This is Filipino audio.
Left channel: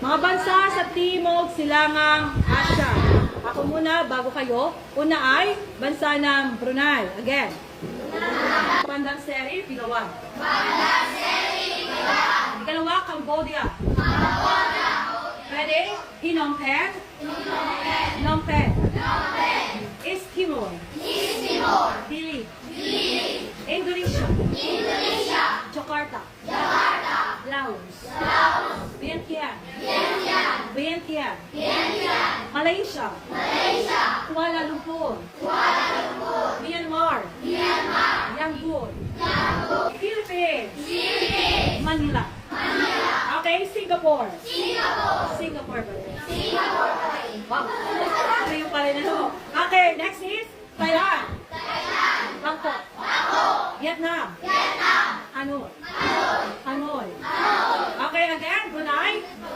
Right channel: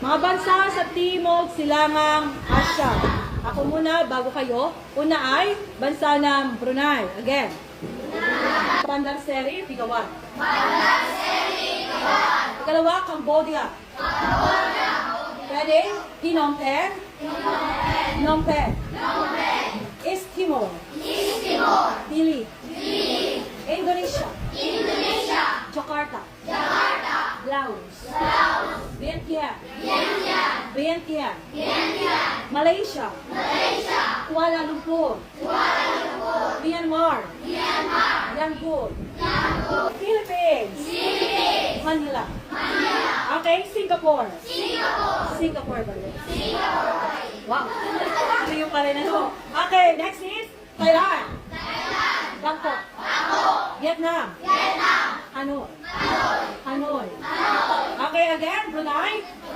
Mga bansa sa Timog, Silangang, Asya. Ako muna, bago kayo. Una ay bansa ng Brunei. Again. Bandar Seri, Pigawan. Bandar Seri, Pigawan. Ikalawa, Cambodia. Cambodia. Pwede, Phnom Penh. Phnom Penh. East Timor. East Timor. Dili. Dili. Indonesia. Indonesia. Jakarta. Laos. Laos. Vietnam. Vietnam. Vietnam. Vietnam. Malaysia. Malaysia. Kuala Lumpur. Kuala Lumpur. Myanmar. Myanmar. Yangon. Yangon. Philippines. Philippines. Manila. Manila. Okay, Singapore. Singapore. Singapore ba yun? Singapore rin. Wow. Ano yung pala na no? Okay, next is Thailand. Thailand. Bangkok. Bangkok. Vietnam. Vietnam. Hanoi. Hanoi. Hanoi. Okay, again, Brunei.